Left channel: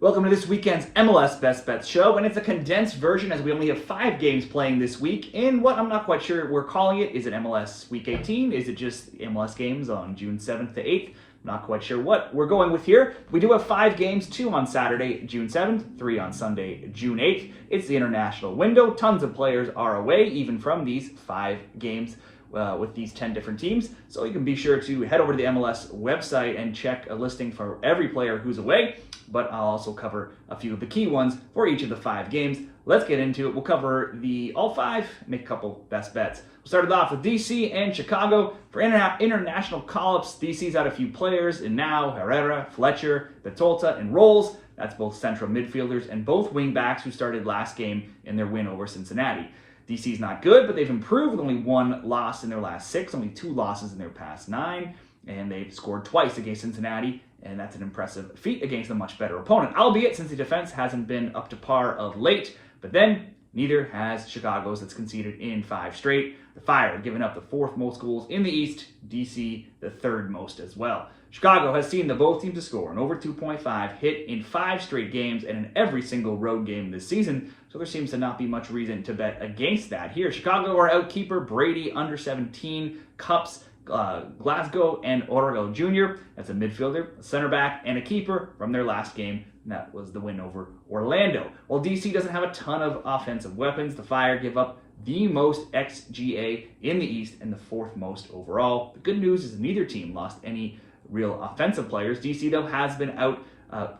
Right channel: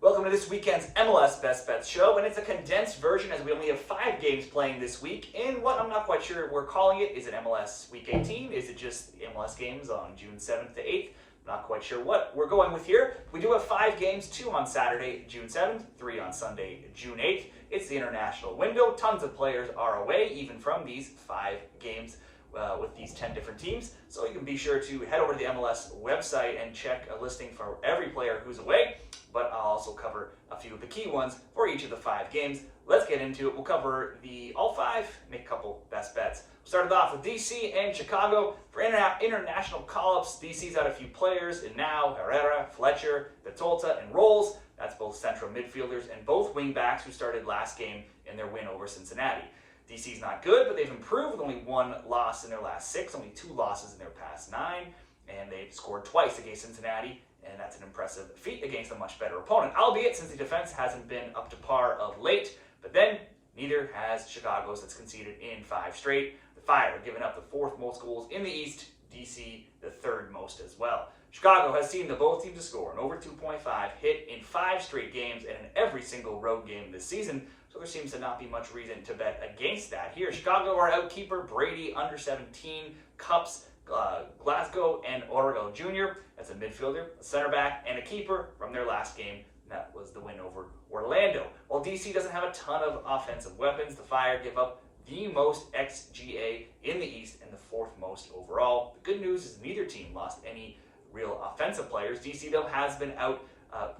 Welcome to this weekend's MLS Best Bets show, and it's a condensed version as we only have 5 games playing this week in what I'm not quite sure we're calling it. Is it MLS Week 18? Is it just MLS games on June 7th to 8th? I'm not quite sure what we're going with here. We do have 5 games, 2 on Saturday, June 7th, 3 on Sunday, June 8th. It's the international window. Tons of players are away, even from these 5 games. With these 10 different teams. So you can be sure to head over to the MLS website and check a listing for every player who's away, but I'll also cover a few of the key ones for each of the 5 games. Let's get into it. We'll cover all 5, make a couple best bets. We'll start it off with DC and Chicago. For international call-ups, DC's had a few players in now, Herrera, Fletcher, Betolta, and Rolls. That's both central midfielders and both wingbacks who started last game in their win over Cincinnati. DC's not good, but they've improved with only 1 loss in their last 6, only 2 losses in their past 9, and they've scored twice against Cincinnati, and that's an impressive feat against a much better opponent, albeit since the defense hasn't been up to par of late. But then, neither has Chicago's that's conceded in 5 straight. The Fire giving up the 4th most goals in the East, DC the 3rd most as well. Chicago has seen the both teams to score an over 2.5 hit in 5 straight games and in every single road game this season, so there seems to not be much reason to bet against that here. Chicago are outkeeper Brady, under 17, Cups, Glasgow, and Orrego Jr. That's a midfielder, a center back, and a keeper from their last game. And that was the win over Orlando. While DC doesn't have a ton of offensive weapons, the Fire give up the most XGA in the East and the 4th most overall. The good news is neither team lost any real offensive players. DC, though, has been out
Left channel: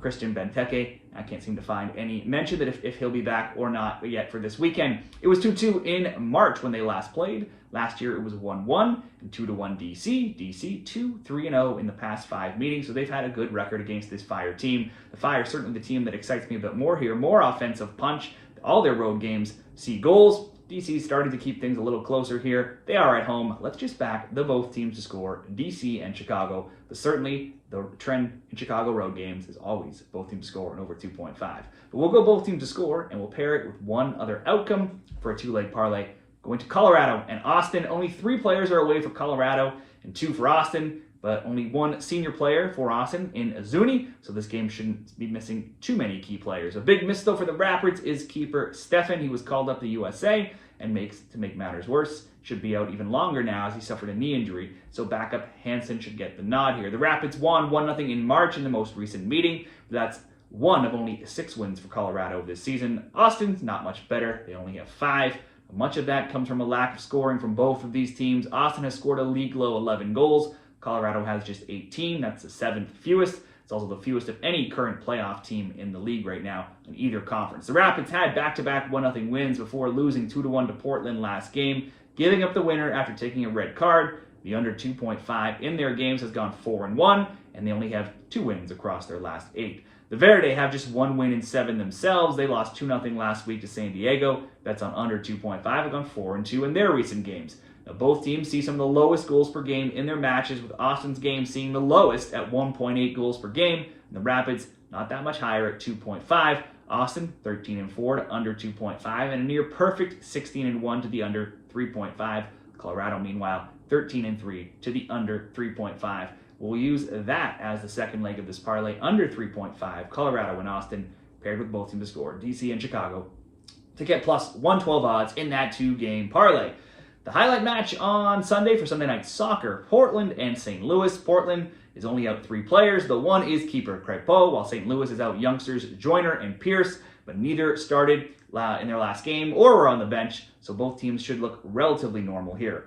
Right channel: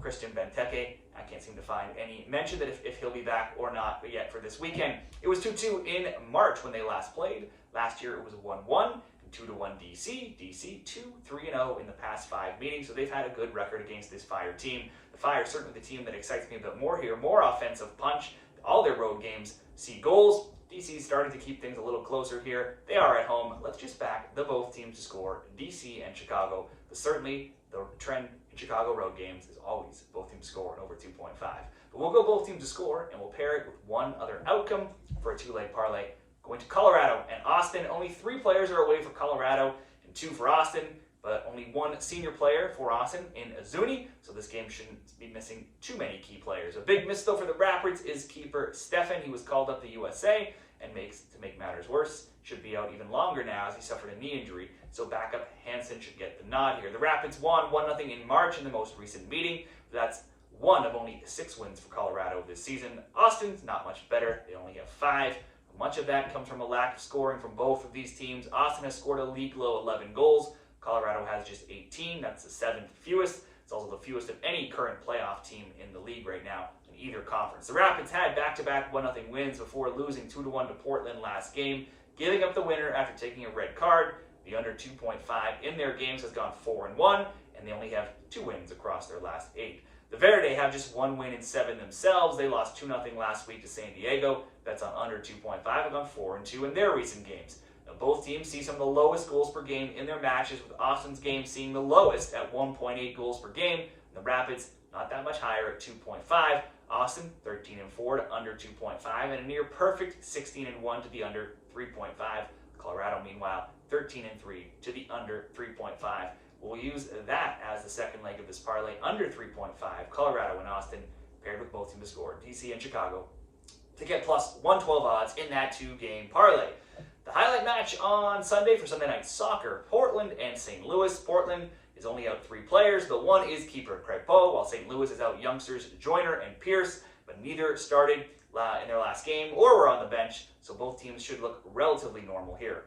Christian Benteke. I can't seem to find any mention that if he'll be back or not yet for this weekend. It was 2-2 in March when they last played. Last year it was 1-1 and 2-1 DC. DC 2-3-0 in the past 5 meetings, so they've had a good record against this Fire team. The Fire is certainly the team that excites me a bit more here. More offensive punch. All their road games see goals. DC's starting to keep things a little closer here. They are at home. Let's just back the both teams to score, DC and Chicago. But certainly the trend in Chicago road games is always both teams score an over 2.5. But we'll go both teams to score, and we'll pair it with one other outcome for a 2-leg parlay. Going to Colorado and Austin. Only 3 players are away for Colorado and 2 for Austin, but only 1 senior player for Austin in Azuni, so this game shouldn't be missing too many key players. A big miss, though, for the Rapids is keeper Stefan. He was called up to USA, and to make matters worse, should be out even longer now as he suffered a knee injury, so backup Hansen should get the nod here. The Rapids won 1-0 in March in the most recent meeting, but that's one of only 6 wins for Colorado this season. Austin's not much better. They only have 5. Much of that comes from a lack of scoring from both of these teams. Austin has scored a league-low 11 goals. Colorado has just 18. That's the 7th fewest. It's also the fewest of any current playoff team in the league right now in either conference. The Rapids had back-to-back 1-0 wins before losing 2-1 to Portland last game, giving up the winner after taking a red card. The under 2.5 in their games has gone 4-1, and they only have 2 wins across their last 8. The Verde have just 1 win in 7 themselves. They lost 2-0 last week to San Diego. That's on under 2.5. Have gone 4-2 in their recent games. Now, both teams see some of the lowest goals per game in their matches, with Austin's game seeing the lowest at 1.8 goals per game, and the Rapids not that much higher at 2.5. Austin 13-4 to under 2.5, and a near perfect 16-1 to the under 3.5. Colorado, meanwhile, 13-3 to the under 3.5. We'll use that as the second leg of this parlay, under 3.5. Colorado and Austin paired with both teams to score, DC and Chicago, to get plus 112 odds in that 2-game parlay. The highlight match on Sunday for Sunday Night Soccer, Portland and St. Louis. Portland is only out 3 players. The one is keeper Crepeau, while St. Louis is out youngsters Joyner and Pierce, but neither started in their last game or were on the bench, so both teams should look relatively normal here.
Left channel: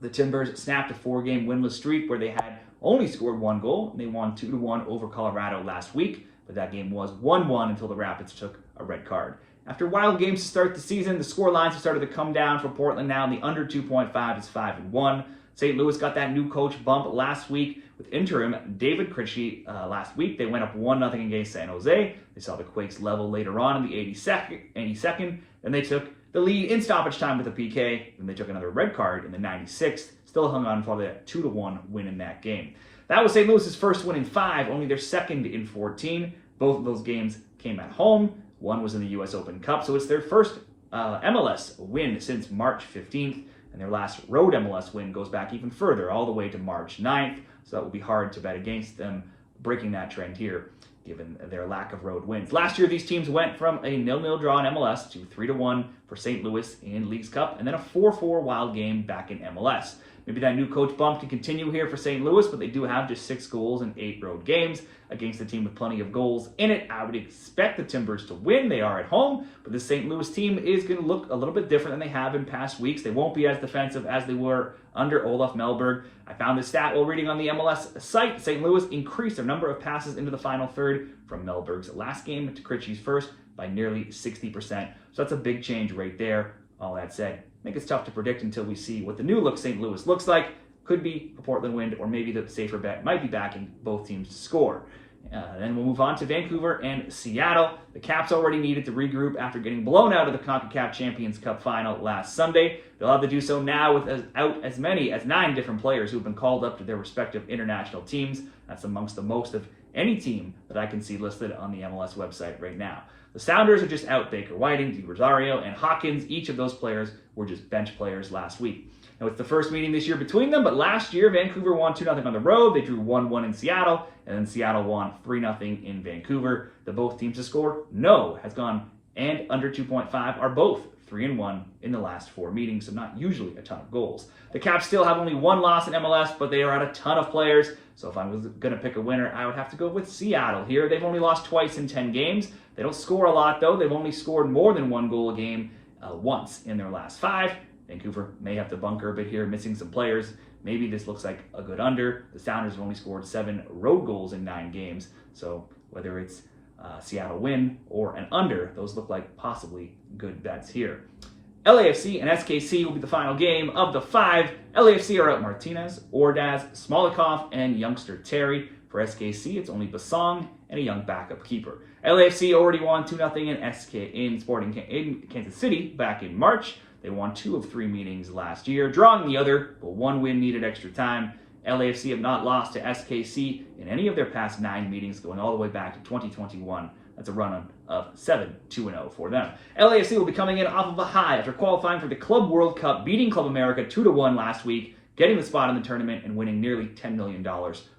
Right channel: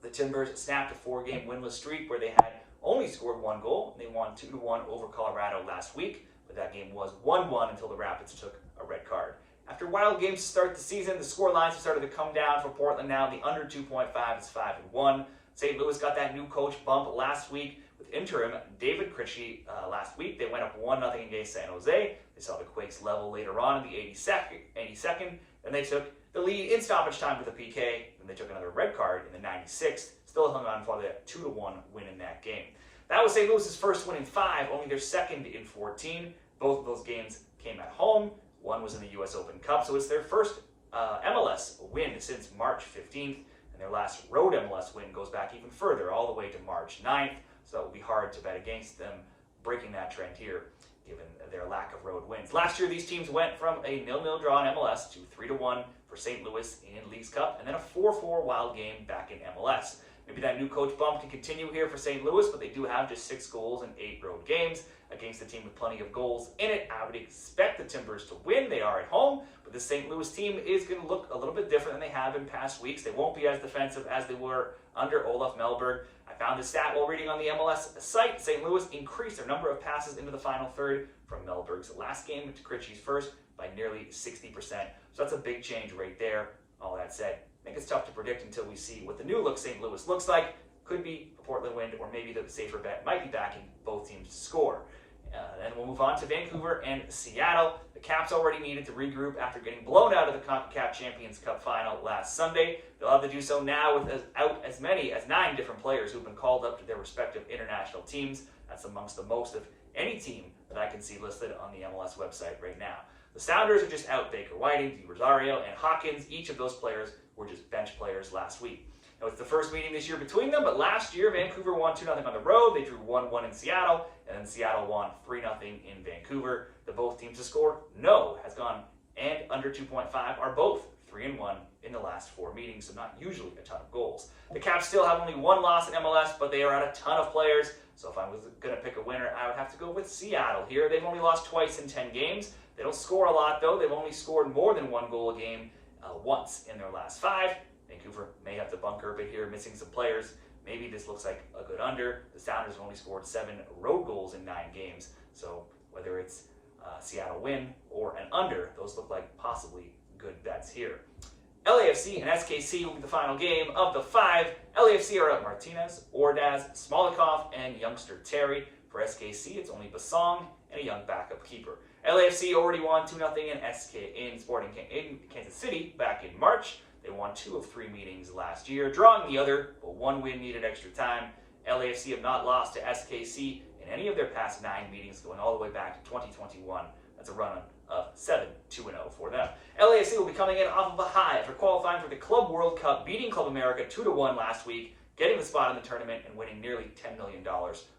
The Timbers snapped a 4-game winless streak where they had only scored 1 goal, and they won 2-1 over Colorado last week, but that game was 1-1 until the Rapids took a red card. After wild games to start the season, the score lines have started to come down for Portland now, and the under 2.5 is 5-1. St. Louis got that new coach bump last week with interim David Critchie last week. They went up 1-0 against San Jose. They saw the Quakes level later on in the 82nd. Then they took the lead in stoppage time with a PK. Then they took another red card in the 96th. Still hung on for that 2-1 win in that game. That was St. Louis's first win in 5, only their second in 14. Both of those games came at home. One was in the U.S. Open Cup, so it's their first MLS win since March 15th, and their last road MLS win goes back even further, all the way to March 9th, so that will be hard to bet against them breaking that trend here. given their lack of road wins. Last year, these teams went from a 0-0 draw in MLS to 3-1 for St. Louis in Leagues Cup, and then a 4-4 wild game back in MLS. Maybe that new coach bump can continue here for St. Louis, but they do have just 6 goals in 8 road games against a team with plenty of goals in it. I would expect the Timbers to win. They are at home, but the St. Louis team is going to look a little bit different than they have in past weeks. They won't be as defensive as they were under Olaf Melberg. I found this stat while reading on the MLS site. St. Louis increased their number of passes into the final third from Melberg's last game to Krejci's first by nearly 60%. So that's a big change right there. All that said, I think it's tough to predict until we see what the new look St. Louis looks like. Could be a Portland win, or maybe the safer bet might be backing both teams to score. Then we'll move on to Vancouver and Seattle. The Caps already needed to regroup after getting blown out of the CONCACAF Champions Cup final last Sunday. They'll have to do so now without as many as 9 different players who've been called up to their respective international teams. That's amongst the most of any team that I can see listed on the MLS website right now. The Sounders are just out Baker Whiting, Di Rosario, and Hawkins. Each of those players were just bench players last week. Now, it's the first meeting this year between them, but last year, Vancouver won 2-0 on the road. They drew 1-1 in Seattle, and then Seattle won 3-0 in Vancouver. The both teams to score, no, has gone and under 2.5 are both 3-1 in the last 4 meetings, so not usually a ton of goals. The Caps still have only 1 loss in MLS, but they are out a ton of players, so if I was going to pick a winner, I would have to go with Seattle here. They've only lost twice in 10 games. They don't score a lot, though. They've only scored more than 1 goal a game once in their last 5. Vancouver may have to bunker a bit here, missing some players. Maybe this looks like a good under. The Sounders have only scored 7 road goals in 9 games, so whether it's Seattle win or an under, those look like possibly good bets here. LAFC and SKC will be the final game of the 5. LAFC are out Martinez, Ordaz, Smolikov, and youngster Terry. For SKC, it's only Basong and a young backup keeper. LAFC already won 2-0 in Kansas City back in March. They won 2 of 3 meetings last year, drawing the other, but 1 win needed extra time. LAFC have not lost to SKC in any of their past 9 meetings, going all the way back to 2021. That's a run of 7-2-0 for them. LAFC will be coming in off of a high after qualifying for the Club World Cup, beating Club America 2-1 last week, getting the spot in the tournament and winning nearly $10 million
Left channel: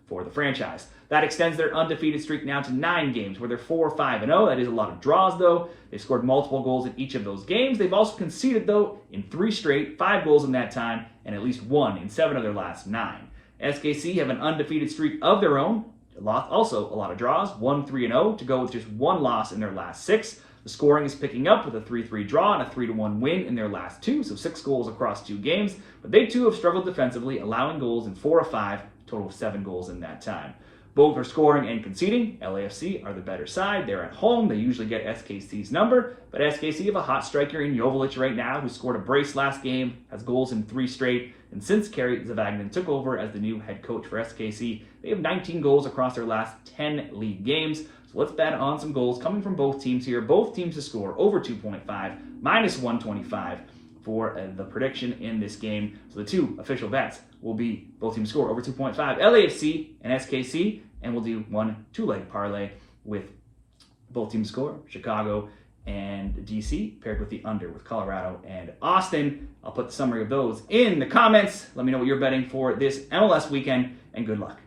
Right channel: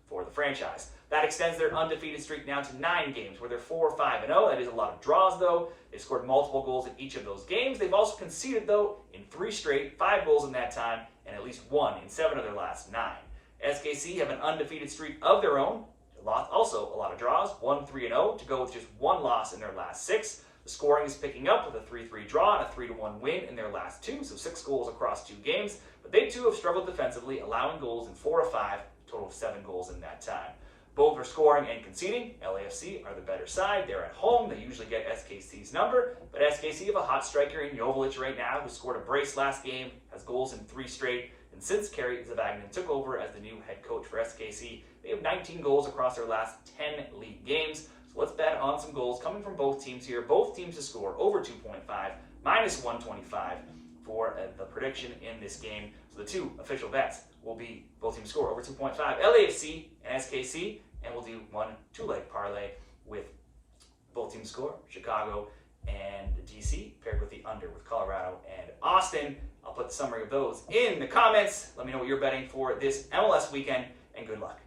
for the franchise. That extends their undefeated streak now to 9 games, where they're 4-5-0. That is a lot of draws, though. They've scored multiple goals in each of those games. They've also conceded, though, in 3 straight, 5 goals in that time, and at least 1 in 7 of their last 9. SKC have an undefeated streak of their own. Also, a lot of draws, 1-3-0, to go with just 1 loss in their last 6. The scoring is picking up with a 3-3 draw and a 3-1 win in their last 2, so 6 goals across 2 games. But they, too, have struggled defensively, allowing goals in 4 of 5, total of 7 goals in that time. Both are scoring and conceding. LAFC are the better side. They're at home. They usually get SKC's number, but SKC have a hot striker in Joveljic right now, who scored a brace last game, has goals in 3 straight, and since Kerry Zavagnin took over as the new head coach for SKC, they have 19 goals across their last 10 league games. So let's bet on some goals coming from both teams here. Both teams to score over 2.5, -125 for the prediction in this game. So the 2 official bets will be both teams score over 2.5, LAFC and SKC, and we'll do 1 2-leg parlay with both teams score, Chicago and DC, paired with the under with Colorado and Austin. I'll put the summary of those in the comments. Let me know what you're betting for this MLS weekend, and good luck.